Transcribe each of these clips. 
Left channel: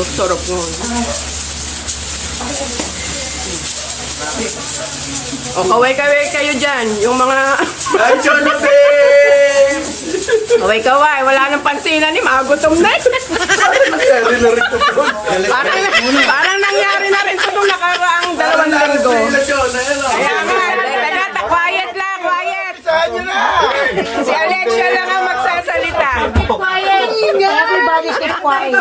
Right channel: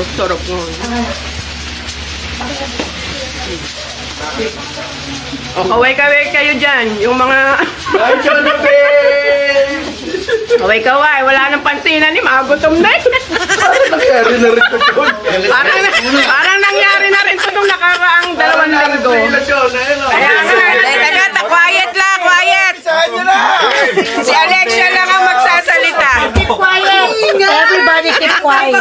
Sarap mo. O, kaway-kaway kayo dyan. Yung mga... Kaway-kaway. Wala nang pansinan ni magutom na. Parang nangyari na rin ito nung nakaraang 2 linggo. Kaya nga, quiet lang, quiet. Si Alexia lang ang magsasalita. Quiet. Everybody keep quiet.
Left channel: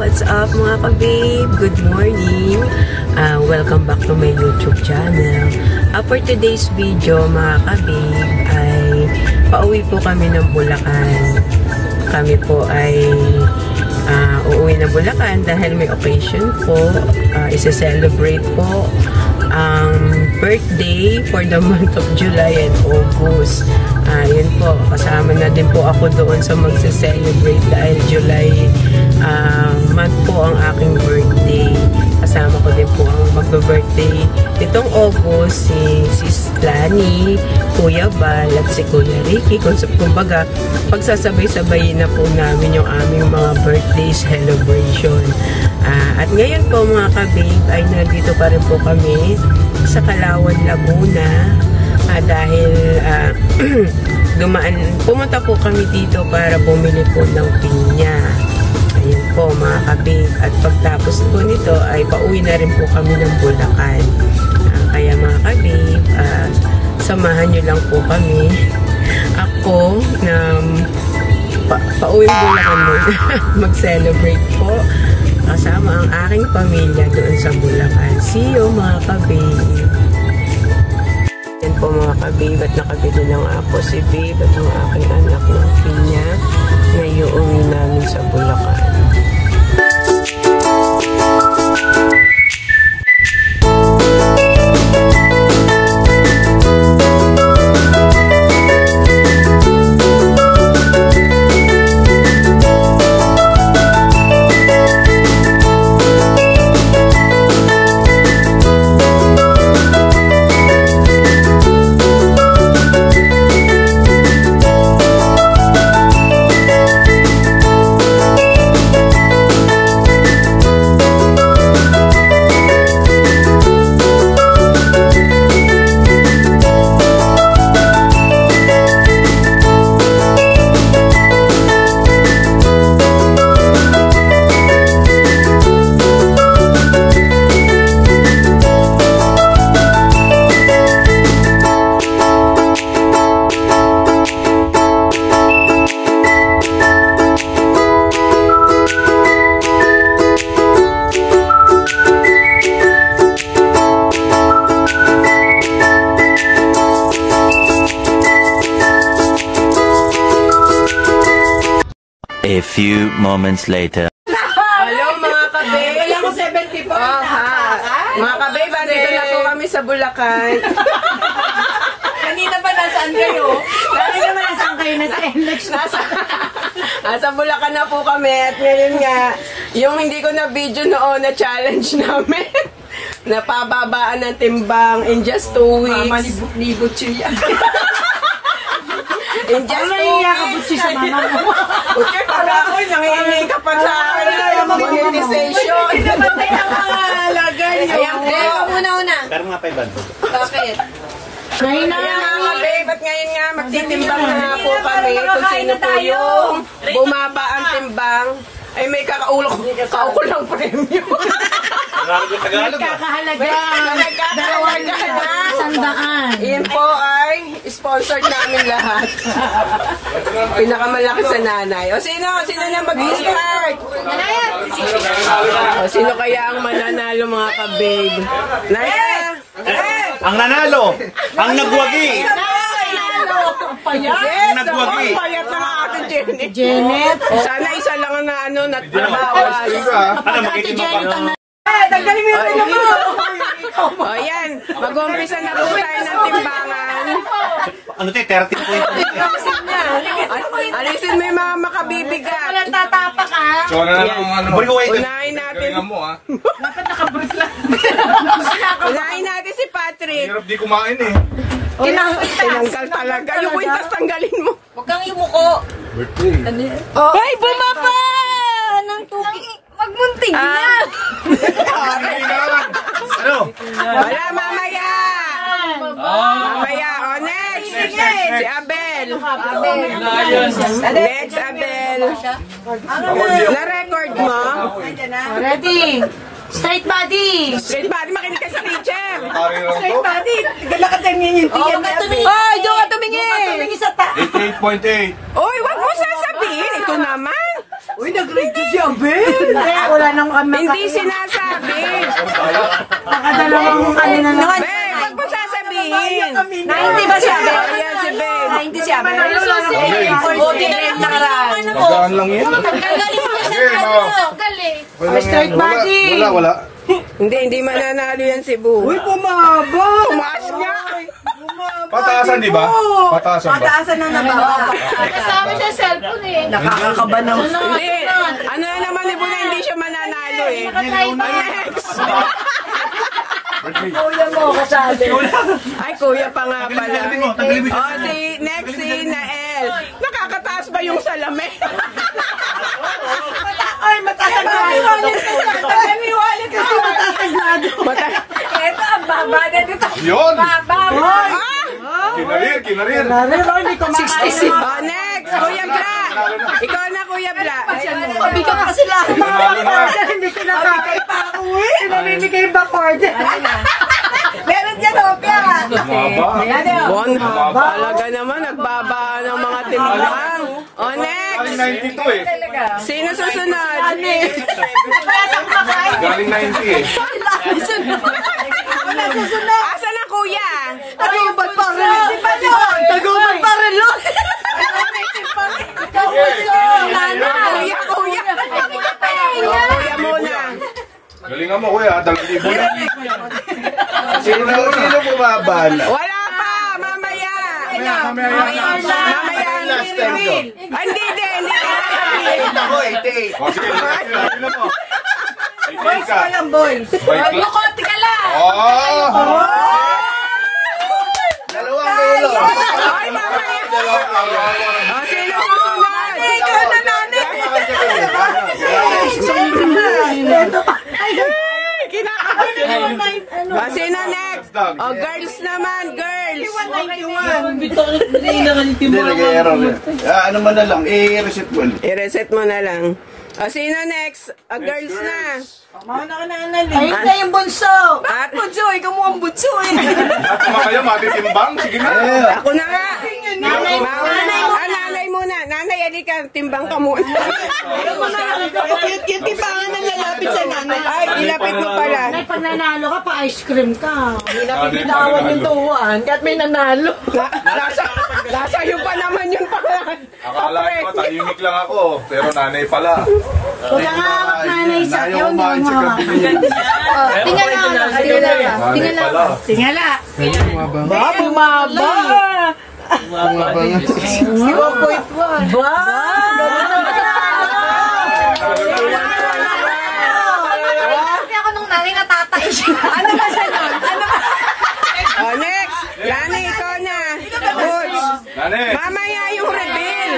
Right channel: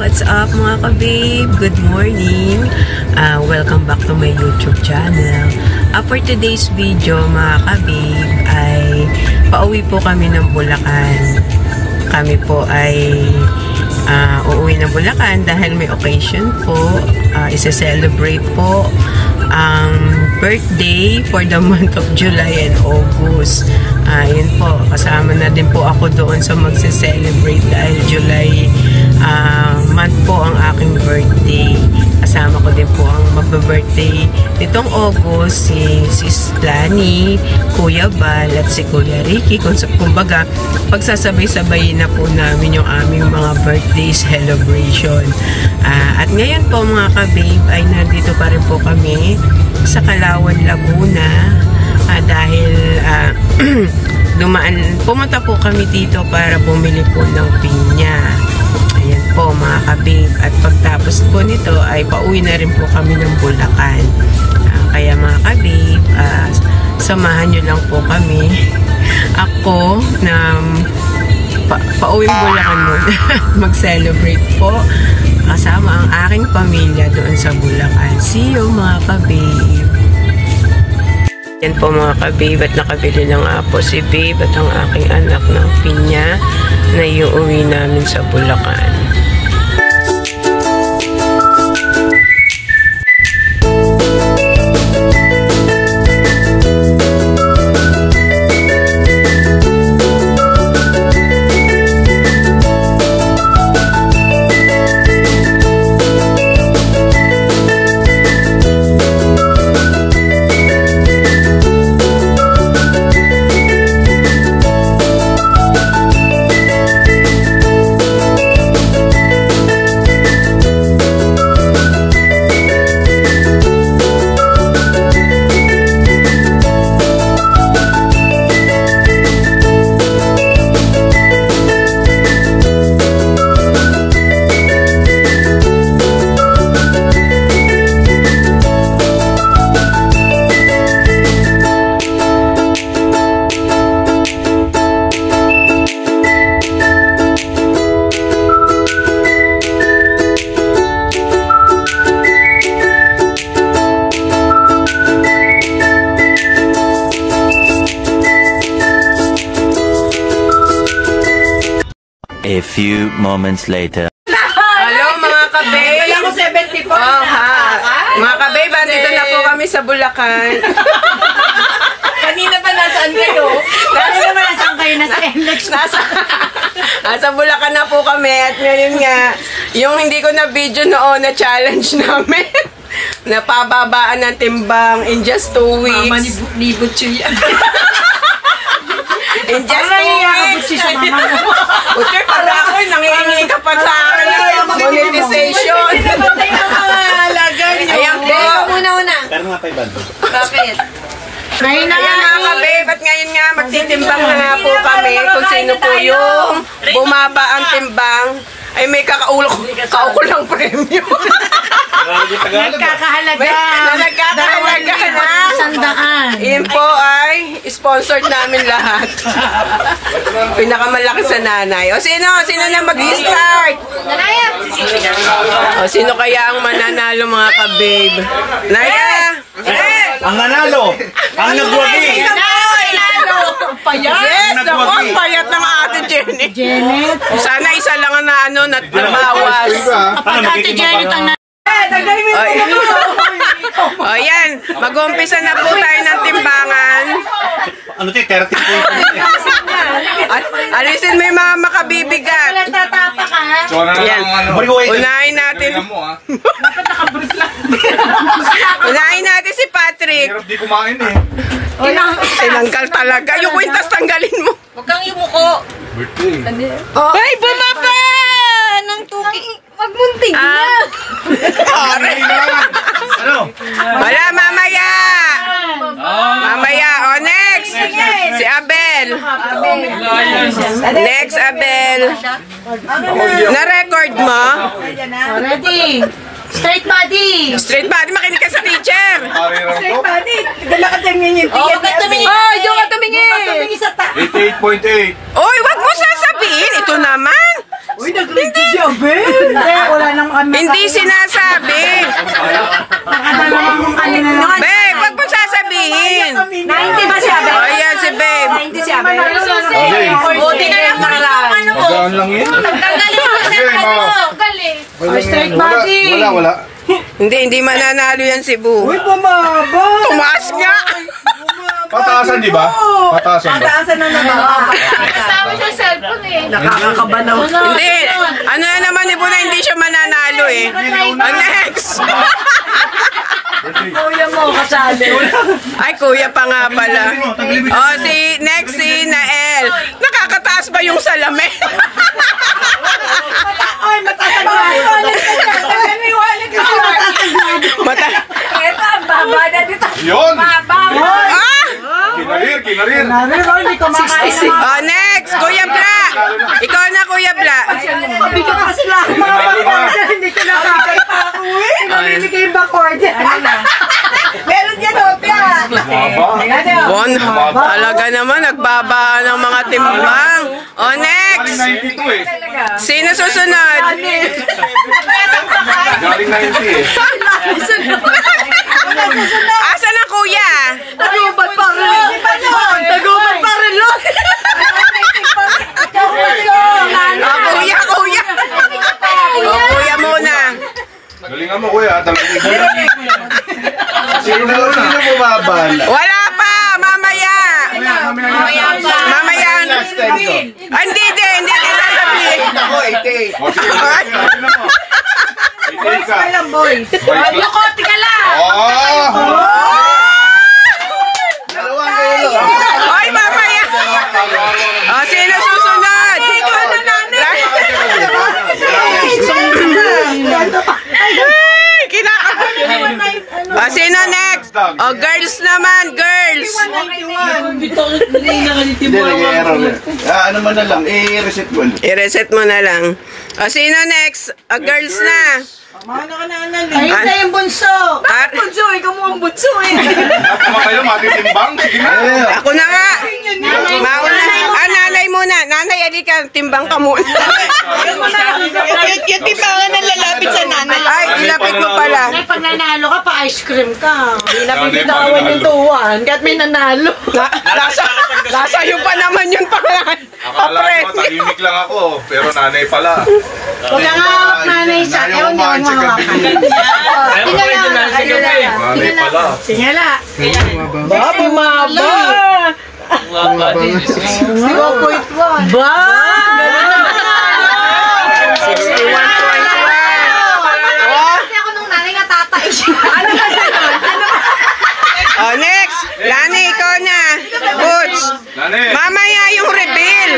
What's up mga ka-babe? Good morning! Welcome back to my YouTube channel. For today's video mga ka-babe ay pauwi po kami ng Bulacan. Kami po ay uuwi ng Bulacan dahil may occasion po. Isa-celebrate po ang birthday for the month of July and August. Yun po, kasama na din po ako doon sa magse-celebrate dahil July month po ang aking birthday. Kasama ko din po ang magbe-birthday nitong August, si Sis Lani, Kuya Bal, at si Kuya Ricky. Kumbaga, pagsasabay-sabay na po namin yung aming mga birthday celebration. At ngayon po mga ka-babe ay nandito pa rin po kami sa Calauan, Laguna. Dahil pumunta po kami dito para bumili po ng pinya. Ayan po mga ka-babe. At pagtapos po nito ay pauwi na rin po kami ng Bulacan. Kaya mga ka-babe, samahan nyo lang po kami. Ako na pauwi Bulacan muna. Mag-celebrate po kasama ang aking pamilya doon sa Bulacan. See you mga ka-babe. Yan po mga ka-babe, at nakabili na nga po si babe at ang aking anak ng pinya na iuwi namin sa Bulacan. A few moments later. Hello mga ka-babe. Kaya ko 70 po. Mga ka-babe, andito na po kami sa Bulacan. Kanina ba nasaan kayo? Kanina ba nasaan kayo? Nasa NLEX. Nasa Bulacan na po kami. At ngayon nga, yung hindi ko na video noon na challenge namin. Napababaan ng timbang in just 2 weeks. Mama ni Butcho yan. In just 2 weeks. Sa mama mo. Okay, para ako, nangihingi ka pa sa akin. Monetization. Pinapatay ang mga alagan nyo. Ayan po. Una. Pero nga 500. Bakit? Ngayon na Ayan nga ka-babe, at ngayon nga magtitimbang na nga po kami kung sino po yung bumaba ang timbang. Ay may kaukulang premyo. nagkakahalaga. Nagkakahalaga na. 100. Iyan po ay sponsored namin lahat. Pinakamalaki sa nanay. O sino na mag-start? O sino kaya ang mananalo mga ka-babe? Naya! Ang nanalo! Ang nagwagi! Yes! Ako ang payat ng ate Janet. Sana isa lang na nabawas. Ano, magiging mabaho? Tanggalin mo yung O yan, mag-umpisa na po tayo ng timbangan. Ano to, 30 points. Alisin mo yung mga makabibigat. Tatapa ka. Yan. Unahin natin. Unahin natin si Patrick. Hirap di kumain eh. Tinanggal talaga. Yung kwintas tanggalin mo. Huwag kang imuko. Birthday. Ay, bumaba! Anong tuki? Huwag munting na. Ano? Wala, mamaya. Mamaya. O, next. Si Abel. Next, Abel. Na-record mo? Ready. Straight body. Straight body, makinig ka sa teacher. Straight body. Huwag ka tumingin. Huwag ka tumingin sa ta. 88.8. Oy, wag mo sasabihin. Ito naman. Uy, nag-ready si Abel. Hindi, wala nang kami. Hindi sinasabi. Nakadalawang kanina na. Babe, wag mo sasabihin. Hindi ba si Abel? O, yan si babe. Hindi si Abel. Buti na lang rin yung ano mo. Magaan lang yun. Tanggalin mo sa ano. Straight body. Wala. Hindi mananalo yan si Bu. Uy, bumaba. Tumaas nga. Pataasan, di ba? Pataasan ba? Pataasan na naman. Kasama siya cellphone eh. Nakakabanaw. Hindi. Ano na naman ni Bu na hindi siya mananalo eh. Next. Kuya mo, kasali. Ay, kuya pa nga pala. O, next si Nael. Nakakataas ba yung salamin? Ay, matasaglado. Ito, ang baba na dito. Yun! Ah! Kinarir. O, next. Kuya Bla. Ikaw na, Kuya Bla. Bigat pa sila. Hindi ko nakakaipa ako eh. Namimigay ba cord? Meron dyan, Opia. Bon, talaga naman, nagbaba ng mga timbang. O, next. Galing 92 eh. Sino susunod? Galing 90 eh. Asan ang kuya? Tagubat pa rin. Tagubat pa rin. O, kuya. O, kuya muna. Galingan mo kuya, 2,000. Sino bumabal? Wala pa, mamaya. Mamaya. Hindi sasabihin. Ako, 88. O sige, galingan mo. 88 ka. Boys. Lukote ka lang. Dalawang kilo. Oy, mamaya. O, sino susunod? Ay, kinakabahan. O, sino next? O, girls naman, girls. Hindi, nag-i-error. Ano man na lang, i-reset mo. I-reset mo na lang. O, sino next? O, girls na. Ayun na yung bunso. At, Bunso, ikaw mo ang bunso eh. Dapat kayo matitimbang. Sige na. ako na nga. Mauna. Nanay muna. Nanay, alika. Timbang ka muna. Yung timbangan na lalapit sa nanay. Ay, ilapit mo pala. Nay, pag nanalo ka, pa-ice cream ka. Nanay pa Tawan nanalo. yung tuwan, kahit may nanalo. Nasa iyo pa naman yung pangalan. Akala ko, tahimik lang ako. Pero nanay pala. Huwag ka nga hawak nanay sa Ayaw kumain sa gabi. Nanay pala. Tingala. Bumaba. 0.1. Ba? 61.1. Kasi ako nung nanay nga tatay siya. Oh, next. Lani, ikaw na. Butch. Nanay. Mamaya yung reveal.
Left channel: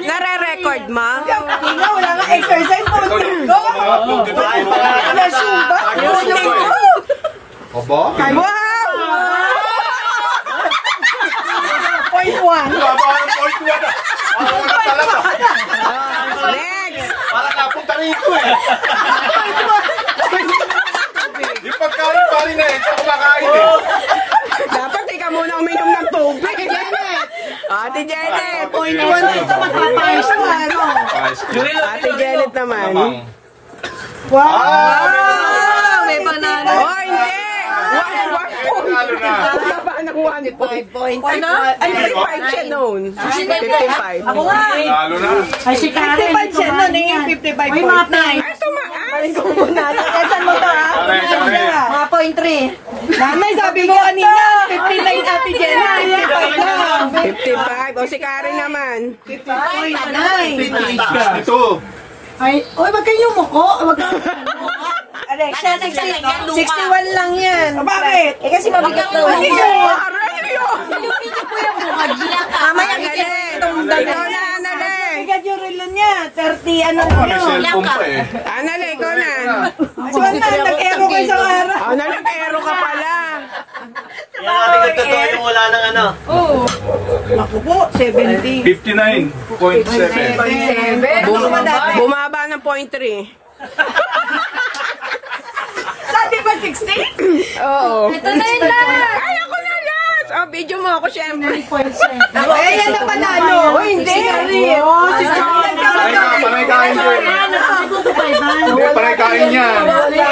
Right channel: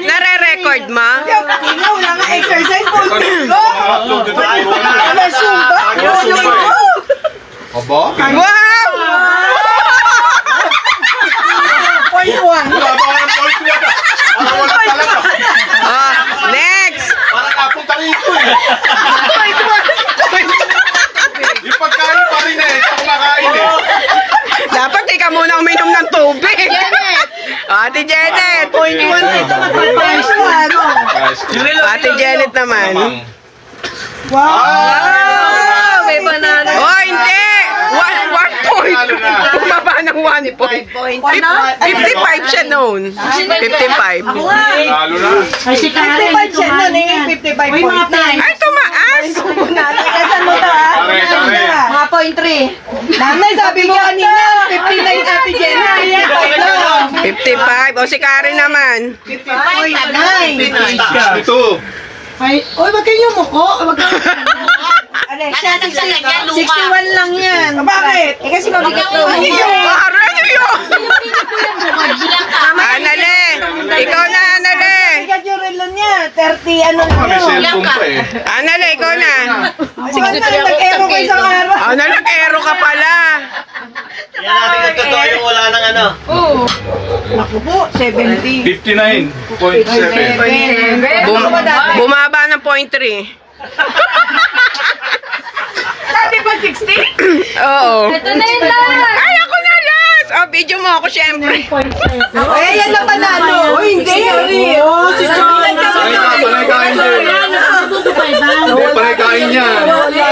Nare-record mo? Wala nga exercise po. Upload dito. Wala sumba. Aba? Wow! Point one. Wala ba ang point 1 ah? Wala talaga. Oh, next. Para napunta rito eh. Yung pagkain pa rin eh. Ito kumakain eh. Dapat ikaw muna uminom ng tubig. Ate Janet. Ito magpapayos ko, ano? Ate Janet naman. Wow! May banana. Oh, hindi. 1 point. Bumaba ng 1 point. 55 siya noon. 55. Lalo na. Ay, si Karen. 55 siya nun eh. 55 point. Uy, mga points. Ay, tumaas. Saan mo to, ha? Kare. Mga points Nanay, sabi mo kanina, 59 Ate Jenna. 55. O si Karen naman. 62. Ay, oy, wag kayong muko. Wag kayong siya, 61 lang yan. Bakit? Eh kasi mabigat to. Karen yun! Anale! Ikaw na, Anale! Mabigat yung relo niya. 30 ano May nyo. cellphone pa eh. Anale, ikaw na. Sige na, nag-ero kayo sa araw. Anale, kero ka pala. Yan natin yung totoo yung wala ng ano. Ako po, 70. 59.7. Bumaba ng 0.3. Sabi ba 60? Oo. Ito na yun lang. Ay, ako na last! O, video mo ako, syempre. Ay, yan na panalo. Oh, hindi. Oh, si John. Panay kain din. Hindi, panay kain yan.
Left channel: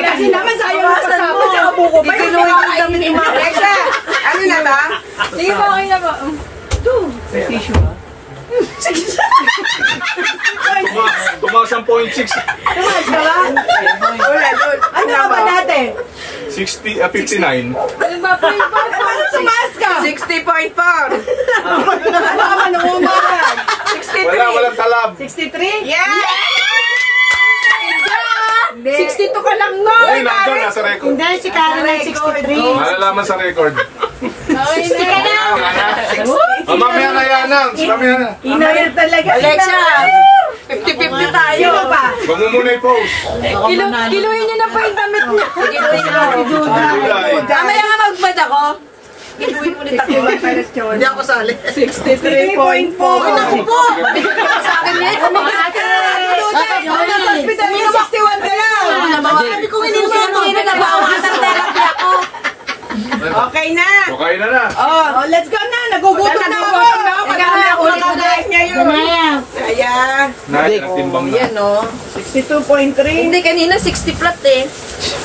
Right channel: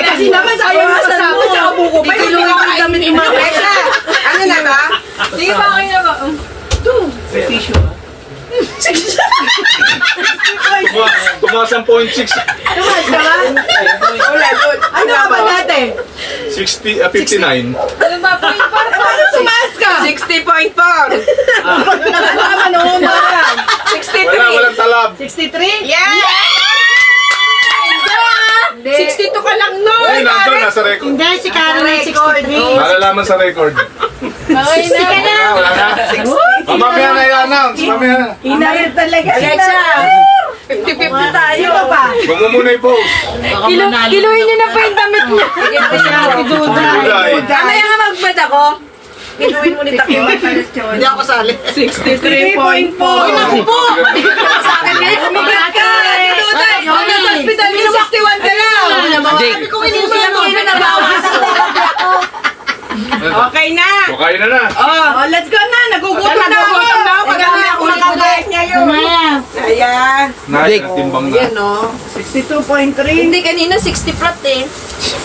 Kasi naman sayang mo sa buko pa. Hindi ko kami ni Mareka. Ano na ba? Sige ba, okay na ba? Tumaas ang 0.6. Wala doon. Ano ka ba natin? 59. Ano ba po yung Paano tumaas ka? 60.4. Baka manuunaran. 63. Walang talab. 63? Yeah! 62 ka lang nun. Ay, nandun, nasa record. Hindi, si Karen ay 63. Malalaman sa record. Okay na. Wala na. Mamaya na i-announce. Mamaya na. Inayad talaga. Alexa, 50-50 tayo. Sino pa? Huwag mo muna i-post. Kiluhin niyo na pa yung damit niya. Si Duda. July. Mamaya nga magmad ako. Inuwin mo ni Takiba Peresyon. Hindi ako sali. 63.4. Uy, naku po! Umigat ka! Duda! Ano sa hospital niya? 61 ka lang! Sabi ko, inusin mo. Okay na! Okay na na. Oh, let's go na. Nagugutom na ako. Nagugutom na ako. Pag ako nakagayat niya yun. Ayan. Nice, timbang na. Yan o. 62.3. Hindi, kanina 60 flat eh.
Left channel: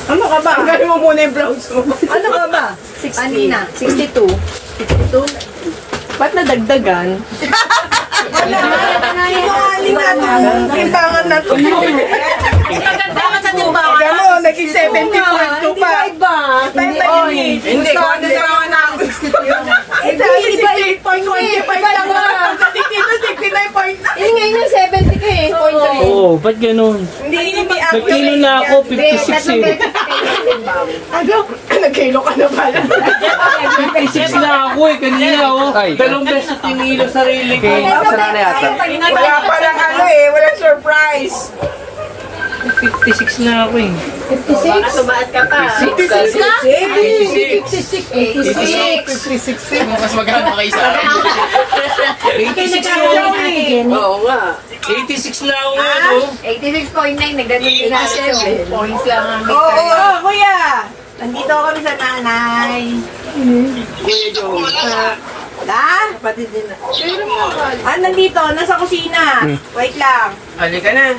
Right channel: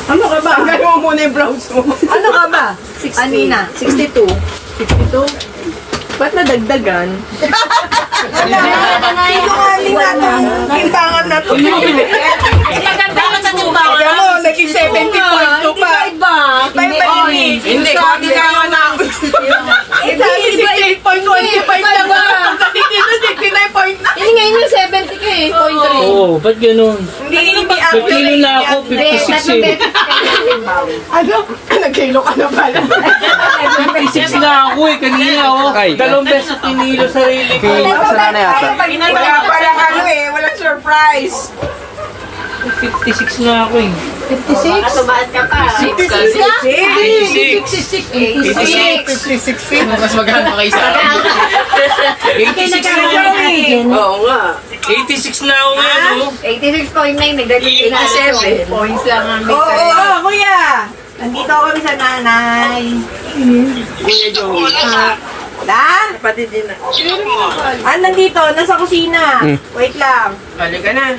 Ano ka ba? Gano'n mo muna yung blouse mo. Ano ka ba? Kanina. 62. 62? Ba't nadagdagan? Sinungaling na itong timbangan na ito. Maganda sa timbangan. Alam mo, naging 70.2 pa. Iba. Iba yun. Hindi, konti kayo na. Isa, 68.25 lang. Pagdating dito, 69.9. Yun ngayon yung 70 ka eh. Oo, ba't ganun? Hindi Nagkilo na ako, 56 eh. Ano? Nagkilo ka na pala. 56 na ako eh, kanina oh. Dalawang beses pinilo sarili ko. Wala palang ano eh, walang surprise. 56 na ako eh. 56? Tumaas ka pa. 56. 56. Mas maganda kayo sa akin. 86 na ako. Oo nga. 86 na ako ngayon oh. 86.9, nagdating 87 points lang ang may Oo, kuya. Nandito kami sa nanay. Kuya Joey. Da? Kapatid din na. Nandito, nasa kusina. Wait lang. Halika na.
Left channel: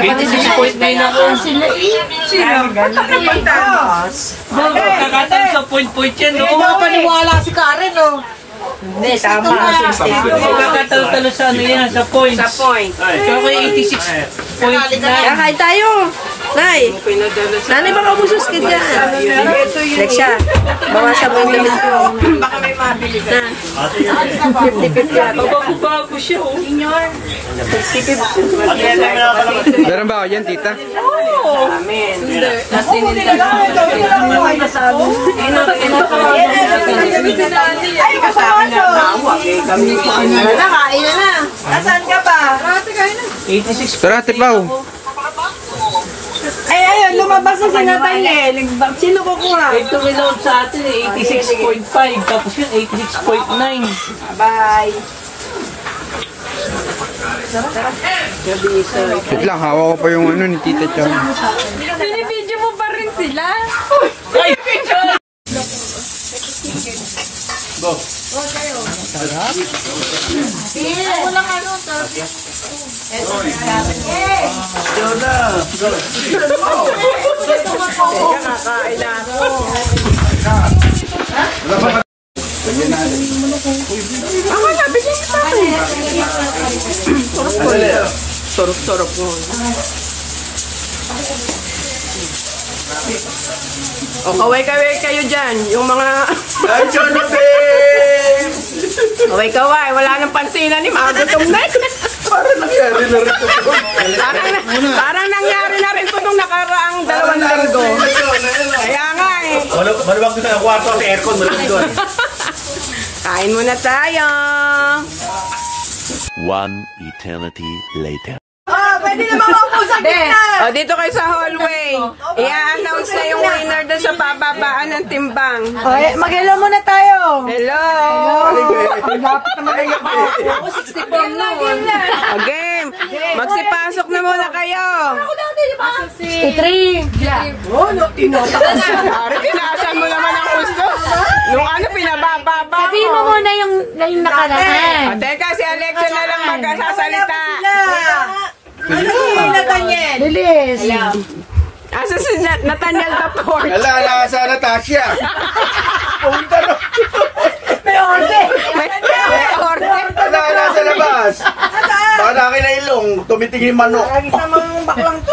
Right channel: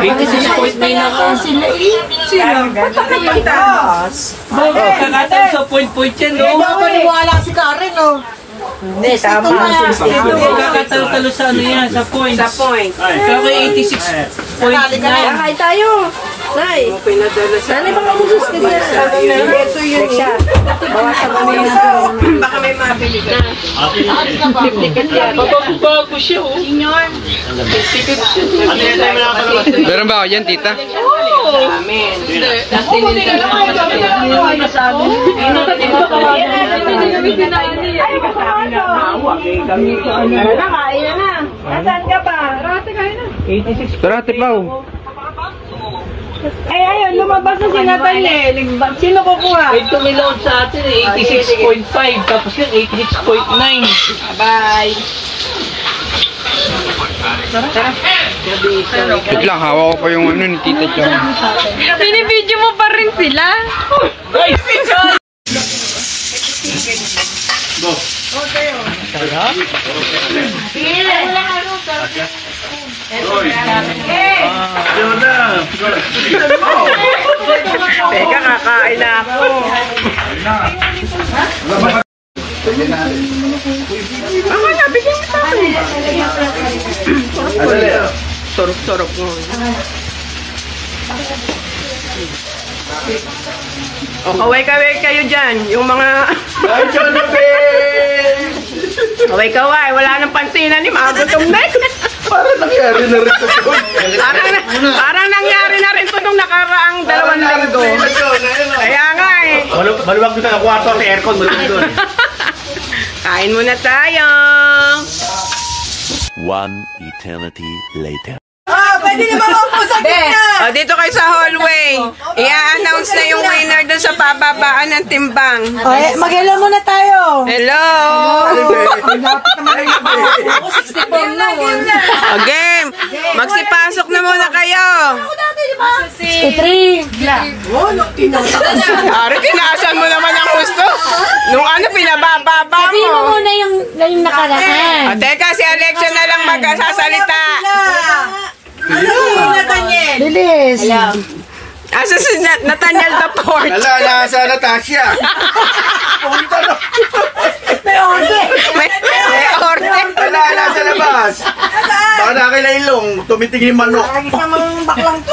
86.9 ako. Sino? Ba't ako nagtaas? Kakatang sa point yan Kaya oh. paniwala si Karen, oh. Hindi, tama. Kakatalo sa ano yan, sa points. Sa point. Kaya 86.9. Kakain tayo. Nay. Nanay, baka kusus ka niya. Ito yun siya. Mga sa pamilya. Baka may mabili ka. 50-50. Bago siya oh. Meron ba ako dyan, tita? Amen. Ay, kasama siya. Ayun na, kain na. Asan ka pa? 86. Tara, tipaw. Ay, ayun, lumabas na si Nathaniel. Sino kukuha? Ito nilaw sa atin eh, 86.5. Tapos yun, 86.9. Bye. Wait lang, hawak ko pa yung ano ni tita Chan. Binibidyo mo pa rin sila. Teka, kakain na ako. Ako na, bigyan mo sa akin. Sorok-sorok mo. O, kaway-kaway kayo dyan. Yung mga... Ay, Jonathan! Kaway-kaway. Wala nang pansinan ni Magutom na. Parang nangyari na rin ito. Parang nangyari na rin ito nung nakaraang 2 linggo. Kaya nga eh. Maluwag dito na kwarto sa aircon. Kain muna tayo. One eternity later. Pwede naman ako sa gitna. O, dito kayo sa hallway. I-announce na yung winner doon sa pababaan ng timbang. Mag-hello muna tayo. Hello! Ang lapit naman ang ako. 64 na. O, game! Magsipasok na muna kayo. 3. Ari, tinaasan mo naman ang gusto. Nung ano, pinabababa mo. Sabihin mo muna yung nakaraan. O, teka, si Alexia na lang magsasalita. Nathaniel. Bilis. Asa si Nathaniel the Port? Ala, sa Natasha. Punta no. May order. May order. Ala, sa labas. Baka nakilailong, tumitigil yung manok. Isang mga baklang to.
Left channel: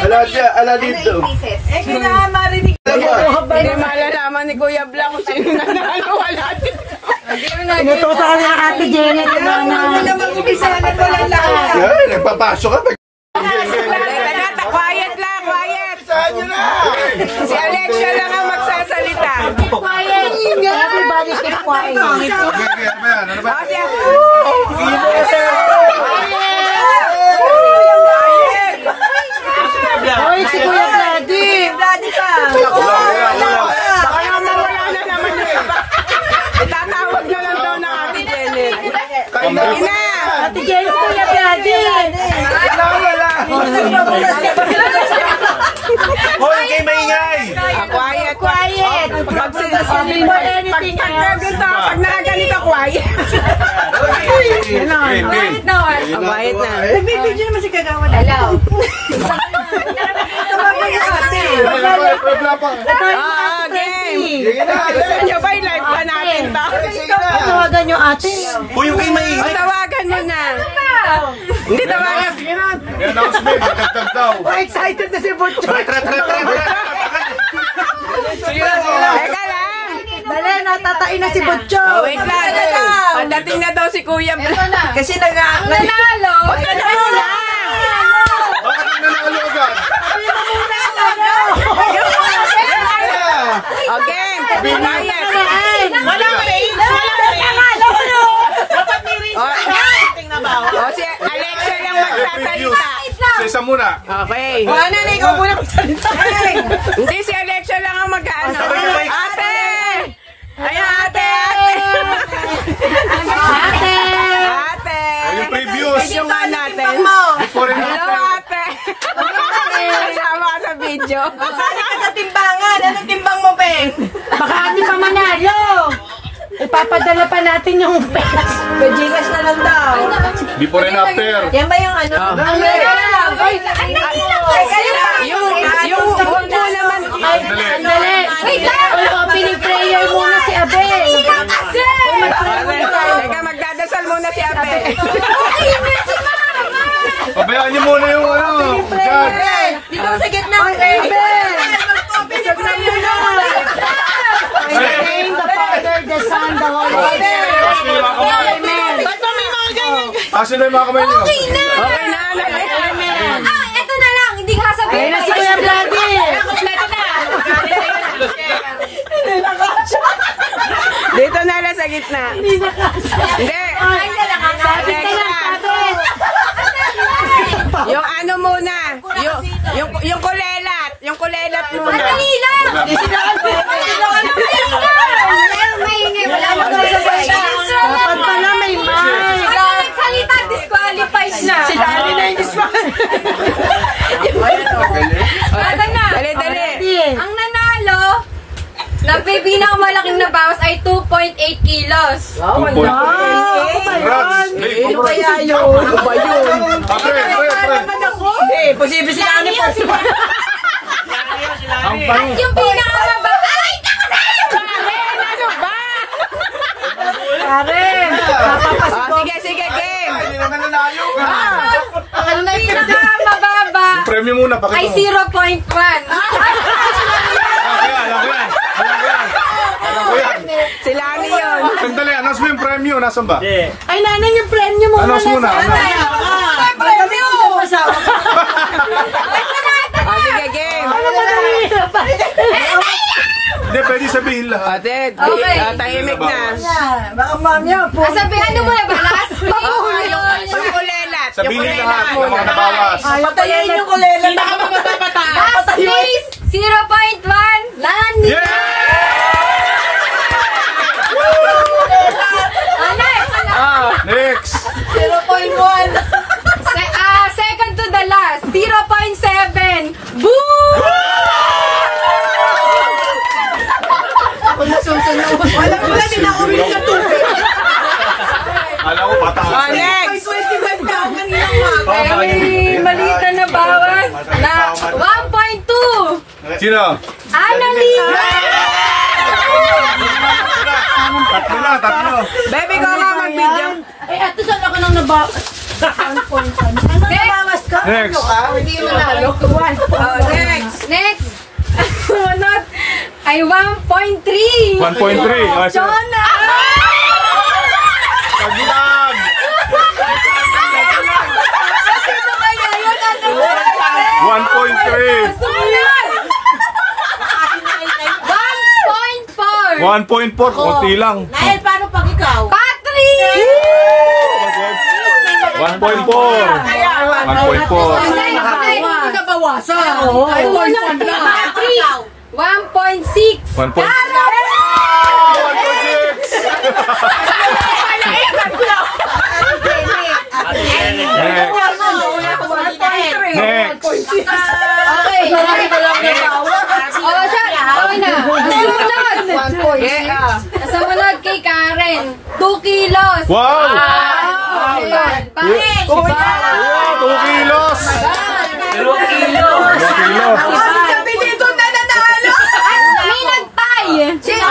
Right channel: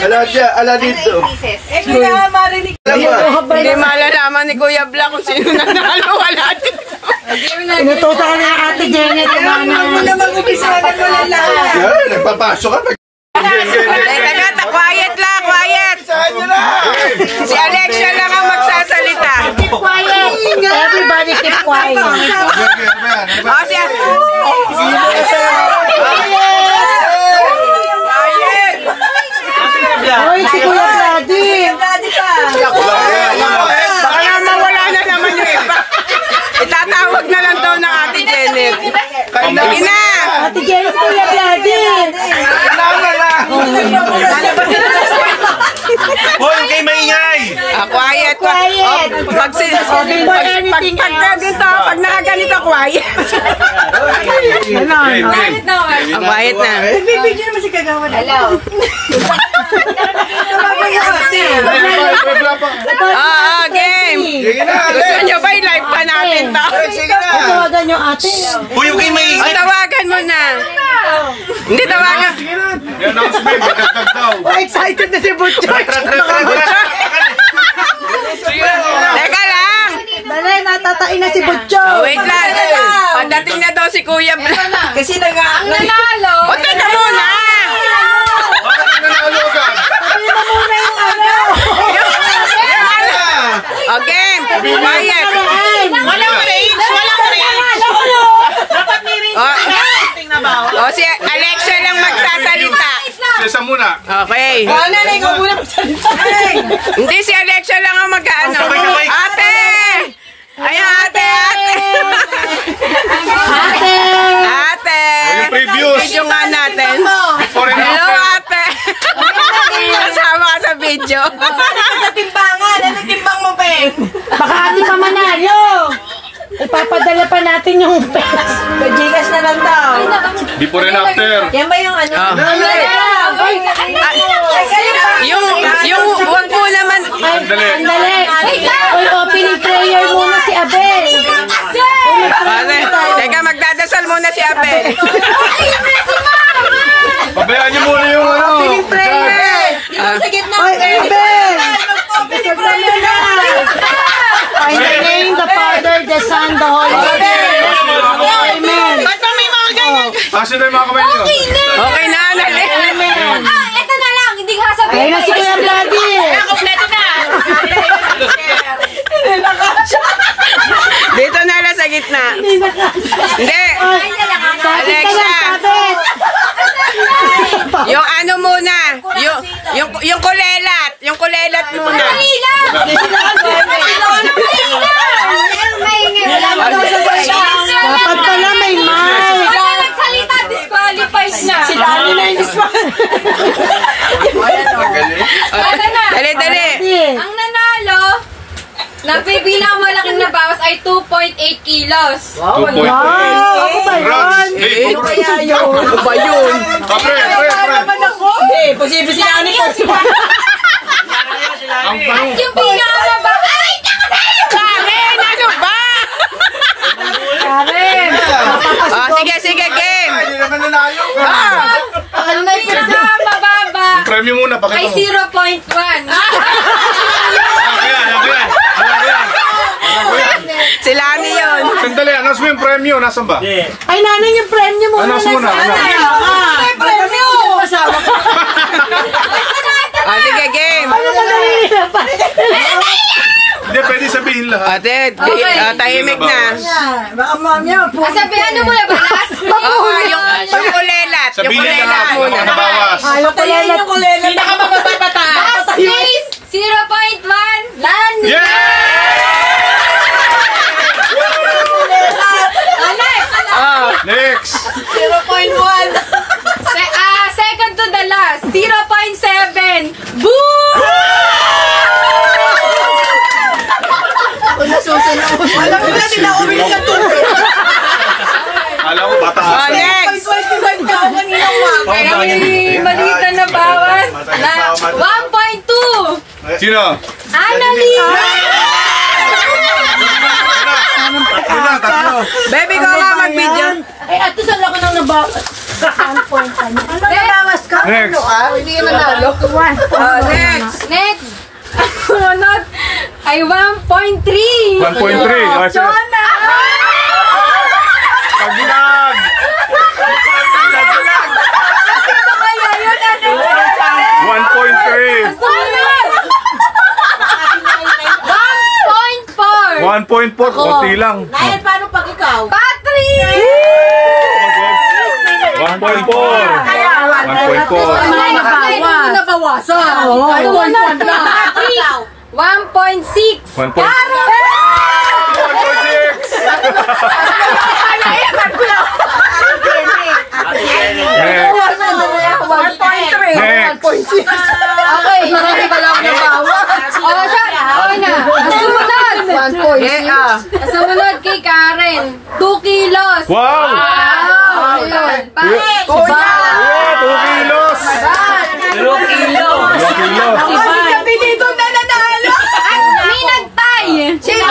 Ala dito. Kailangan marinig. Hindi malalaman ni Kuya Bla kung sino nanalo. Wala dito. Inututo ka na Ate Janet. Ano naman kumisahan ko lang lahat. Yan, nagpapasok ka. Teka, quiet lang, quiet. Si Alexia lang ang magsasalita. Quiet. Everybody keep quiet. O, siya. Quiet. Hoy, si Kuya Daddy. Daddy ka. Baka naman wala na naman yun. Itatawag na lang daw ng Ate Janet. Sige na. Ate Janet, Kuya Daddy. Hoy, kayo maingay! Quiet. Quiet. Pag nakaganito, quiet. Quiet na. Nagbibigyan naman si Kagawan. Hello. Game. Gusto nyo ba i-live pa natin to? Tawagan nyo ate. Hoy, yung kayo O, maingay! tawagan mo na. Hindi, tawagan. Announcement, magkagkag daw. Excited na si Butcho. Teka lang. Dali, natatain na si Butcho. Wait lang. Pagdating na daw si Kuya Bla. Kasi nanalo. O, teka muna. Bakit nanalo ka? O, game. Quiet. Walang range. O, si Alexia lang magsasalita. Sesa muna. Okay. Ano na, ikaw muna magsalita. Hindi, si Alexia lang ang mag-ano. Ate! Ayan, ate! Ate! Video nga natin. Hello, ate! Kasama ka sa video. Sa timbangan. Ano timbang mo, Peng? Baka hindi pa manalo. Ipapadala pa natin yung pera. Pajigas na lang daw. Before and after. Yan ba yung ano? Yung wag mo naman. Dali. Wait lang! Opening prayer muna si Abel. Ate, teka, magdadasal muna si Abel. Pabayaan niyo muna yung ano. Sa gitna ng prayer. Mag-open ni prayer na. In the name of the Father, the Son, the Holy Spirit. Amen. Ba't ba may mga ganyan? Kasi na yung mga kamay niyo. Okay na, nali. Ito na lang, hindi ka sabihin. Ayun na si Kuya Daddy. Kompleto na. Dito na lang sa gitna. Hindi. Alexia. Yung ano muna. Yung kulelat. Yung kulelat muna. Dapat pala may mic. Pag nagsalita, disqualified na. Lagi na yung disqualified. Dali. Ang nanalo, nagpipinakamalaking nabawas ay 2.8 kilos. Congrats. Hey, Ano ba yun? pre. Hindi, posible sila ano po. Yung pinakamabawas, ay! Karen, ano ba? Karen. Sige, game. Hindi naman nanalo. Ang pinakamababa premyo muna. Pakita ay mo. 0.1. Alam ko yan. Sila ano yun? Sandali, announce mo yung premyo. Nasaan ba? Ay, nanay yung premyo mo. Announce muna. Ay, premyo! Sige, game. Hindi, pwede sabihin lang. Ate, tahimik na. Baka mamaya po. Sabihan mo na ba? Last Oo, yung kulelat. Yung Sabihin kulelat lang muna. mga nabawas. Patayin yung kulela. Last place, 0.1. Lani. Yeah! Next! 0.1. Second to the last, 0.7. Boom! Alam mo na, din ako uwi ng tubig. Alam ko, bata. Next! 25 ka ako kaninang mga. Pero may malita na bawas na 1.2. Sino? Annalyn! Tatlo. Baby ko nga mag-video. Eh, ato saan ako nang nabawas? 1.1. Ano nabawas ka? Next. Hindi yun nanalo. Next. Next. Sunod ay 1.3. 1.3. Chona! Taglag! Sino kaya yun? 1.3. Sunod! 1.4. 1.4. Kunti lang. Nahil, paano pag ikaw? Patrick! 1.4. 1.4. Nabawasan. Sunod na. 1.6. 1.6. Next. Okay. Oh, siya. Okay na. Sumunod. 1.6. Sumunod kay Karen. 2 kilos. Wow! Ayun. Yeah, 2 kilos. 2 kilos. Sabi dito na nanalo. At may nagtay. Sino?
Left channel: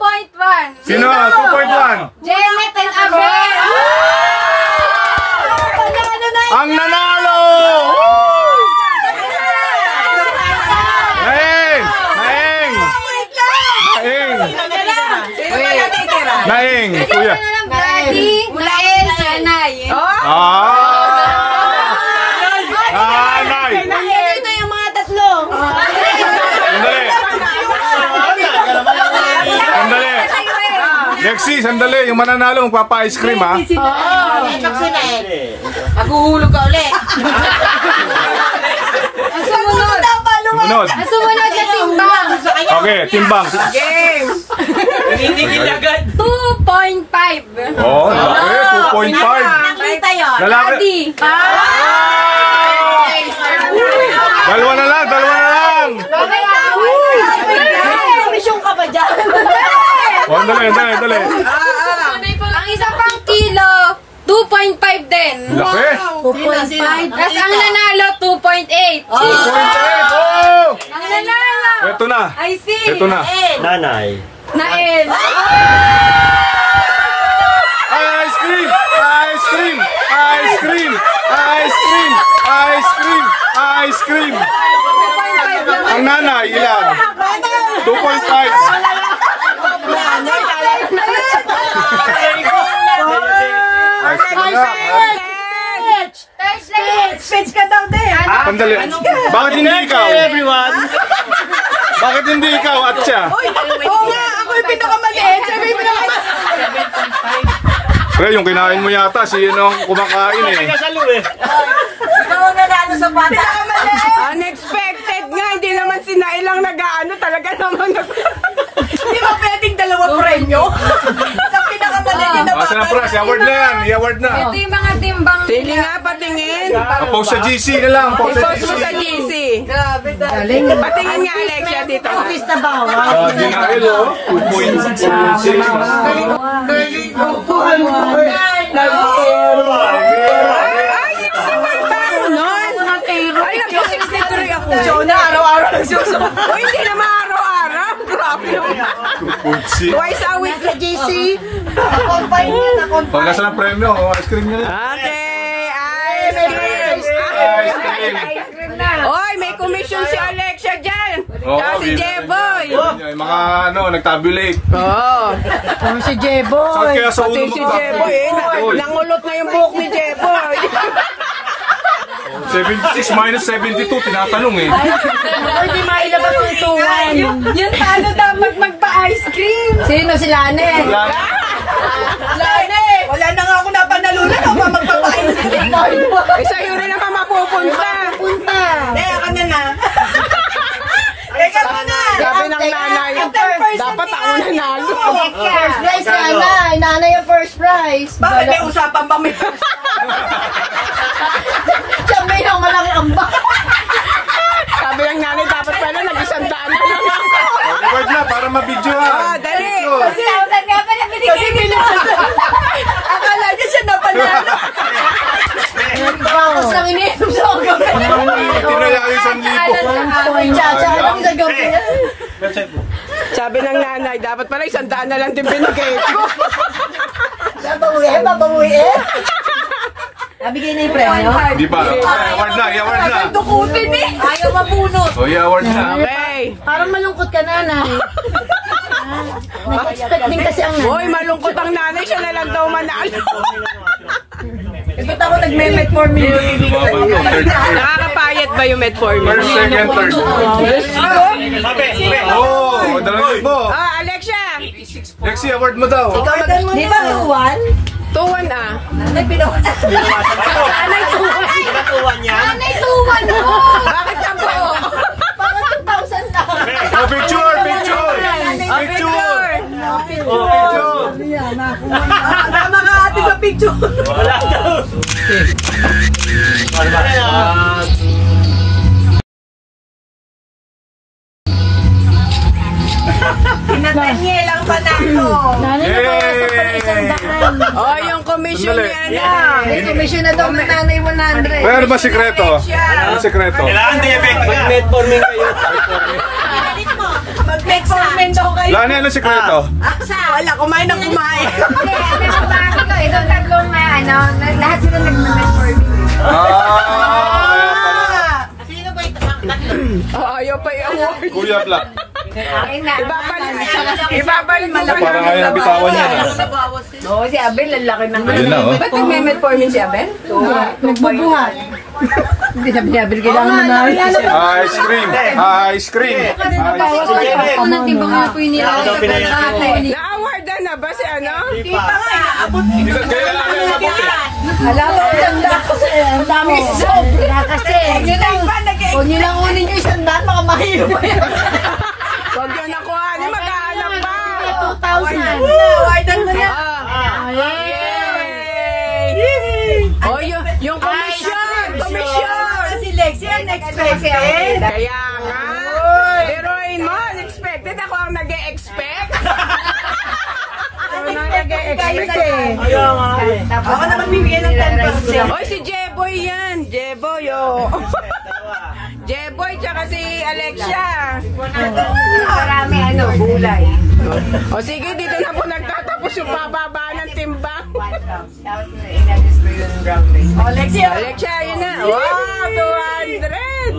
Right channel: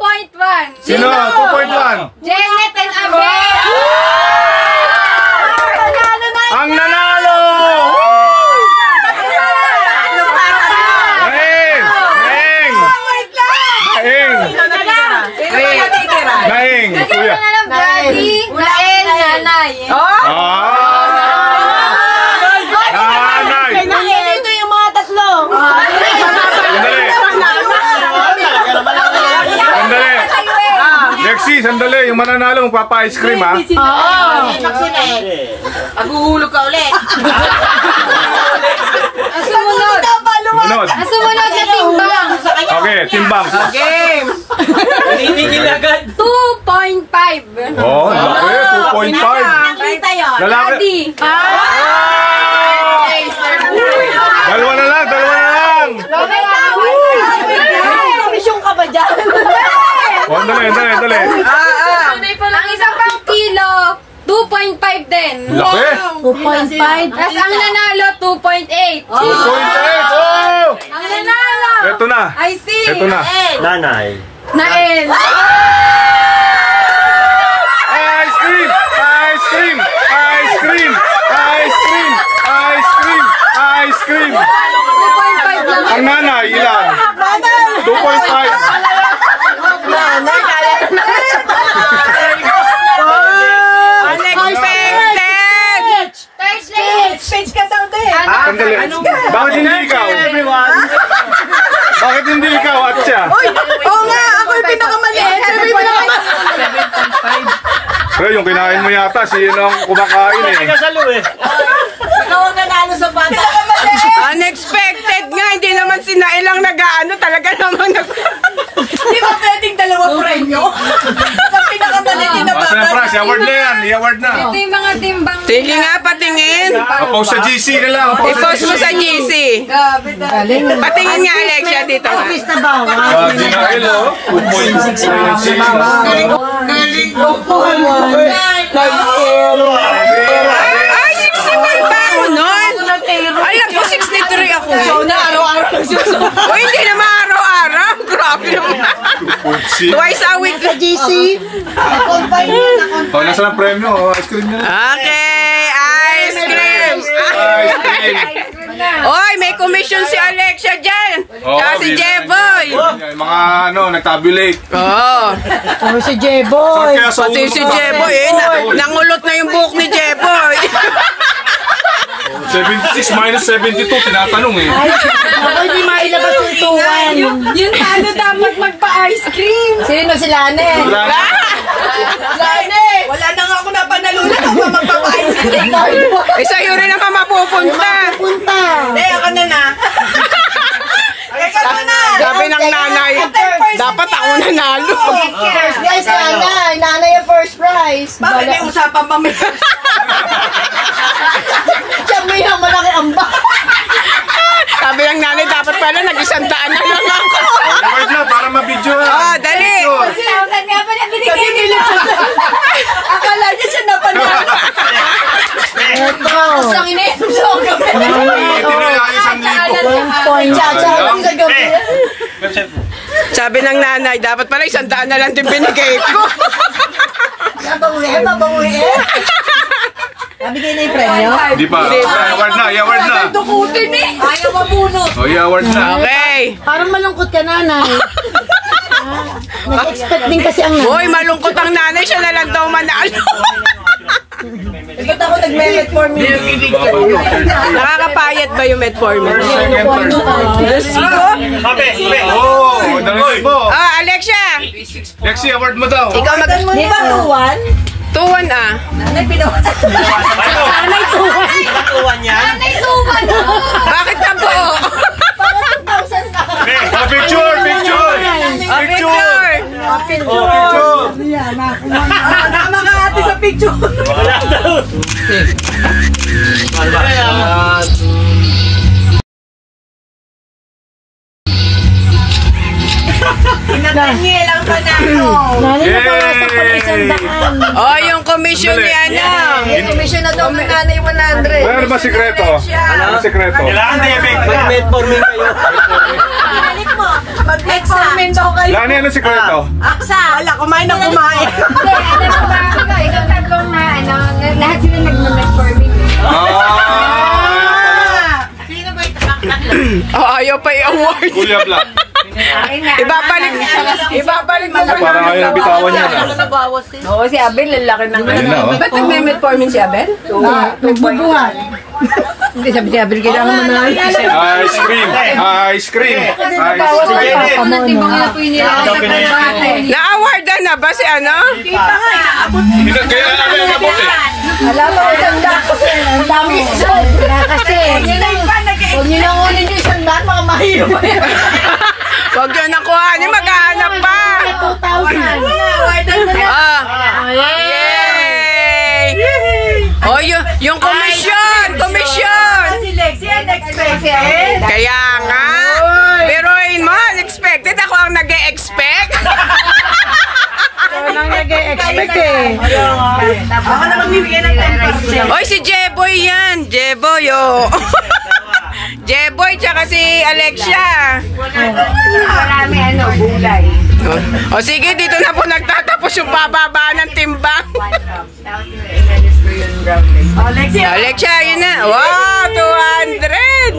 2.1. Sino? 2.1. Janet and Abel. Ang nanalo! Naing! Naing! Naing! Naing! Kuya. Bigyan na ng daddy, Nael, nanay. Nanay! Dito yung mga tatlo. Sandali! Sandali! Lexi, sandali! Yung mananalo, magpapa-ice cream, ha? Maghuhulog ka ulit. Ang sumunod. Sumunod. Ang sumunod na timbang. Okay, timbang. Game. Tinitigil agad. 2.5. Oh, laki. 2.5. Nakita yun. Lalaki. Daddy. Dalawa na lang, dalawa na lang. Komisyon ka ba dyan? Oh, dali. Ang isa pang kilo, 2.5 din. Laki. 2.5. Tapos ang nanalo, 2.8. 2.8. Oh! Ang nanalo. Ito na. I see. Ito na. Nanay. Nael. Ice cream! Ice cream! Ice cream! Ice cream! Ice cream! Ice cream! Ang nanay, ilan? 2.5. Page ka daw din. Sandali. Bakit hindi ikaw? Bakit hindi ikaw at siya? Oo nga, ako yung pinakamaliit. Sabi yung pinakamaliit. Pero yung kinain mo yata, siya ang kumakain eh. Ikaw ang nanalo sa bata. Unexpected nga, hindi naman sila ilang nag-ano, talaga naman Di ba pwedeng dalawa premyo? Sa pinakamaliit na Basta na prize, i-award na yan, i-award na. Ito yung mga timbang. Sige nga, patingin. Post sa GC na lang. I-post mo sa GC. Patingin nga, Alexia, dito nga. Ginail oh, 2.6. Ay, 61 pa ako nun. Alam ko, 63 ako. Araw-araw nagsusunod. O, hindi naman araw-araw. Grabe naman. 2.6. Twice a week. GC. Confine yun na confine. Oh, nasa ng premyo? Oh, ice cream na lang. Okay, ice cream. Ice cream. Oy, may commission si Alexia dyan. Tsaka si Jeboy. Mga nagtabulate. Oo. Ano si Jeboy? Pati si Jeboy nangulot na yung buhok ni Jeboy. 76 minus 72, tinatanong eh. Hindi mailabas yung tuwan. Yung talo dapat magpa-ice cream. Sino si Lane? Lane! Wala na nga ako napanalunan. Ako ba magpapain? Sa'yo rin naman mapupunta. Teka ka na. Teka ka na. Sabi ng nanay, dapat ako nanalo. First prize, nanay. Nanay yung first prize. Bakit may usapan pa may... Siya may yung malaki amba. Sabi ng nanay, dapat pala nag-100 na lang ako. Record na, para ma-video ha. Oh, dali. Tawag nga pa na binigay nila. Akala niya siya napanalo. Bakos lang ininom sa gabi. Tinala yung 1,000. Tsatsahin sa gabi. Sabi ng nanay, dapat pala 100 na lang din binigay ko. Babawi. Nabigay na yung premyo? Di pa. Award na, award na. Dukutin eh. Ayaw mabunot. O, award na. Okay. Parang malungkot ka, nanay. Nag-expect din kasi ang nanay. Hoy, malungkot ang nanay, siya na lang daw manalo. Ba't ako nagme-metformin? Nakakapayat ba yung metformin? First, second, third. Diyos ko. Oh, narinig mo. Ah, Alexia. Lexi, award mo daw. Ikaw mag... Di ba tuwan? 2-1 ah. Nanay pinawan. Nanay tuwan mo. Bakit ka po? Picture, picture. Oh, picture. Tama ka ate sa picture. Daniel ang panalo. Oh, yung commission niya na. Commission na daw ng nanay 100. Ano ba sikreto? Ano sikreto? Kailangan din mag-metformin kayo. Mag-metformin daw kayo. Lani, ano sikreto? Wala, kumain ng kumain. Ikaw tatlong na lahat sila nagme-metformin. Oh, ayaw pa i-award. Kuya Black. Ibabalik mo. Parang ayaw bitawan niya na. Oo, si Abel, lalaki ng Ayun na, oh. Ba't nagme-metformin si Abel? Nagbubuhat. Hindi sabi niya, Abel, kailangan mo na. Ice cream. Ice cream. Ice cream. Unang timbang nila po yun nila. Na-awardan na ba si ano? Kaya ano yung nabuti? Alam mo, ang dami sobra kasi. Huwag nyo nang unin yung 100, mga mahirap. Huwag yun nakuha niya, maghahanap pa. 2,000. Yay! Oh, yung komisyon! Komisyon! Si Lexi, unexpected. Kaya nga. Pero yun mo, unexpected. Ako ang nag-e-expect. Ang nag-e-expect eh. Ako na magbibigyan ng 10%. Oy, si Jeboy yan. Jeboy, oh. Jeboy, tsaka si Alexia. Marami gulay. O sige, dito na po nagtatapos yung pababa ng timbang. Alexia, yun na. Wow, 200!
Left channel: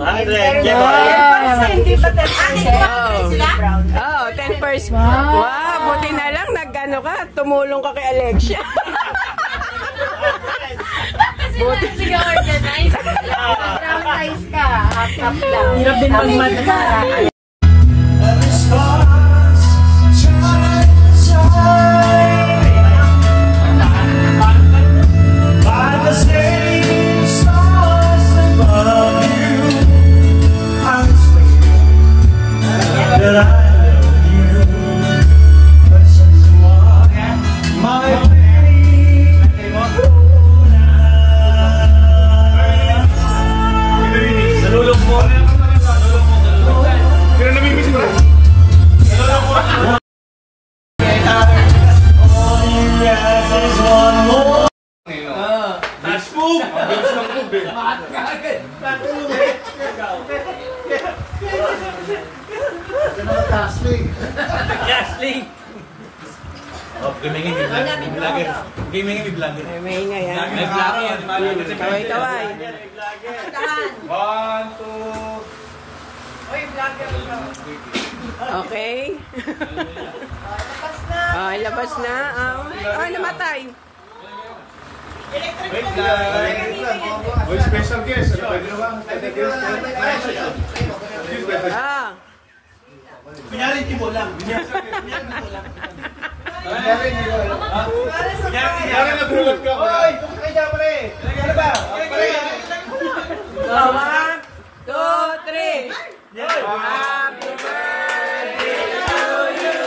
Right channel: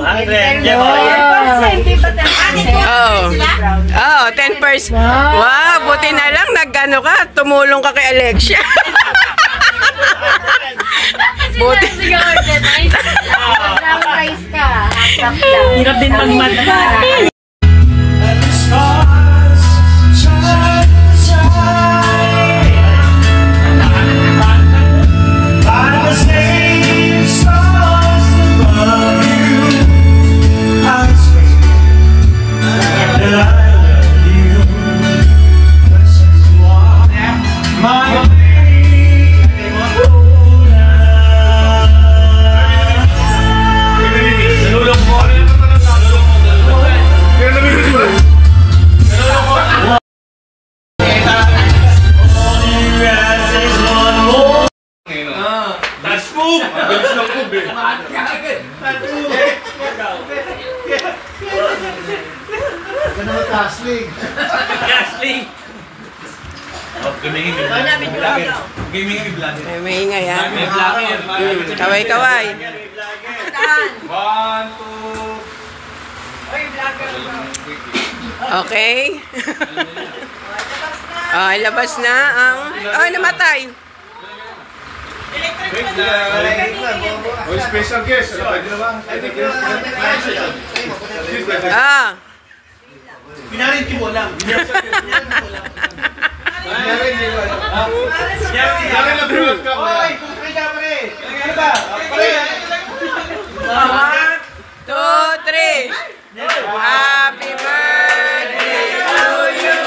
Oh, 10%. Wow, buti na lang nag-ano ka, tumulong ka kay Alexia. Buti. Hirap din magmata. May ingay, ha? Kaway-kaway. One, two. Okay. Labas na ang... namatay. Oh, special guest. Pwede na ba? Pinarin ko lang. Pinarin na buhat ka. Hoy, kumukay ka pre. Ano ba? Pre. 1, 2, 3. Happy birthday to you.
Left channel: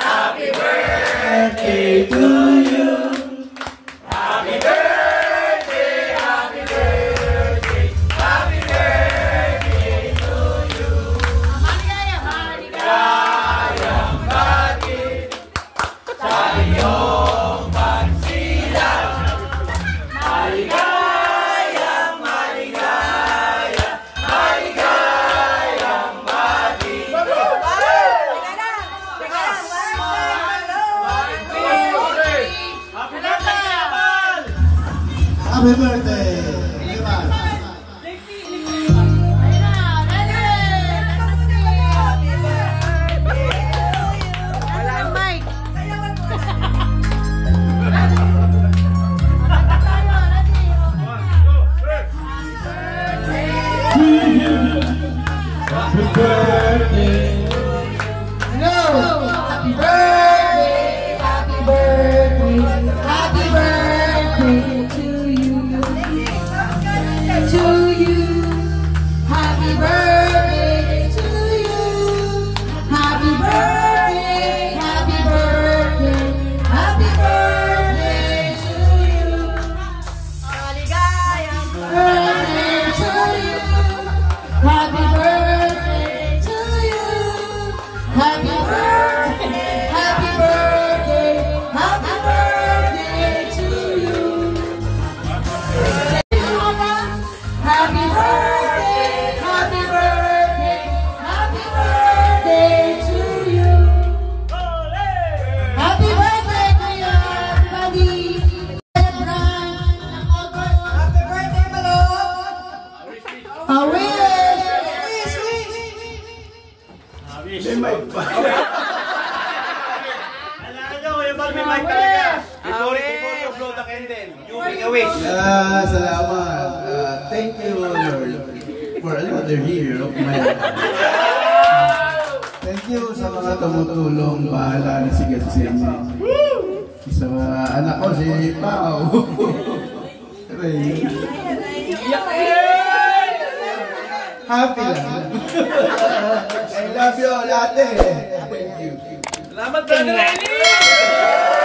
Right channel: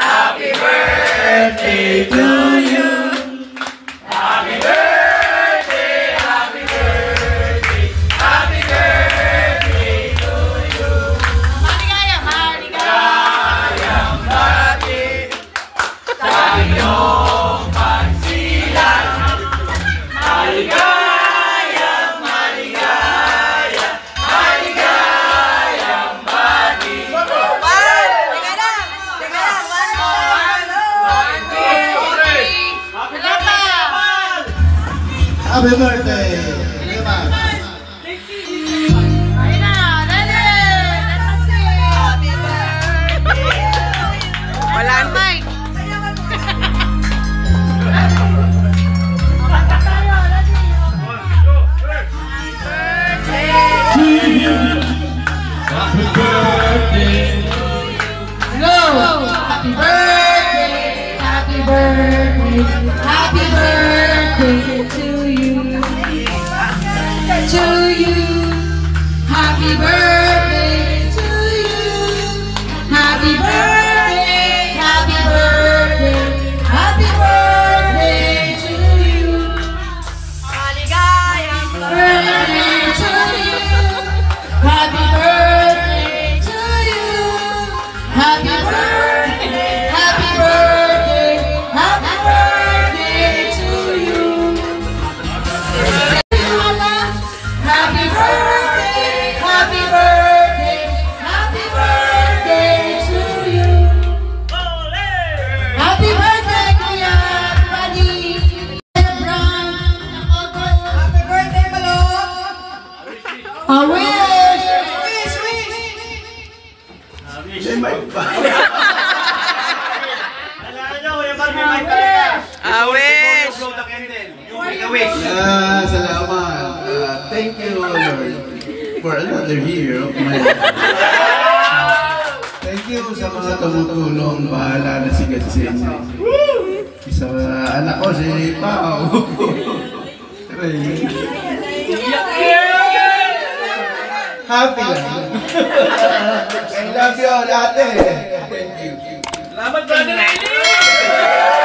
Happy birthday to you. Happy birthday, happy birthday, happy birthday to you. Maligayang, maligayang bati sa iyong pagsilang. Maligayang, maligayang, maligayang bati. Happy birthday. Wala na. Happy birthday. Hello! Happy birthday! Happy birthday! Happy birthday to you! To you! Happy birthday to you! Happy birthday! Happy birthday! Happy birthday to you! Maligayang birthday to you! Happy birthday to you! Happy birthday, happy birthday, happy birthday to you. Happy birthday, happy birthday, happy birthday to you. Happy birthday, Kuya Buddy. Happy birthday, Malo. I wish. Salamat. Thank you, Lord, for another year of my life. Thank you sa mga tumutulong. Bahala na si Gatsin. Sa anak ko, si Pao. Happy lang. I love you all, ate. Thank you. Salamat, Brother Eli!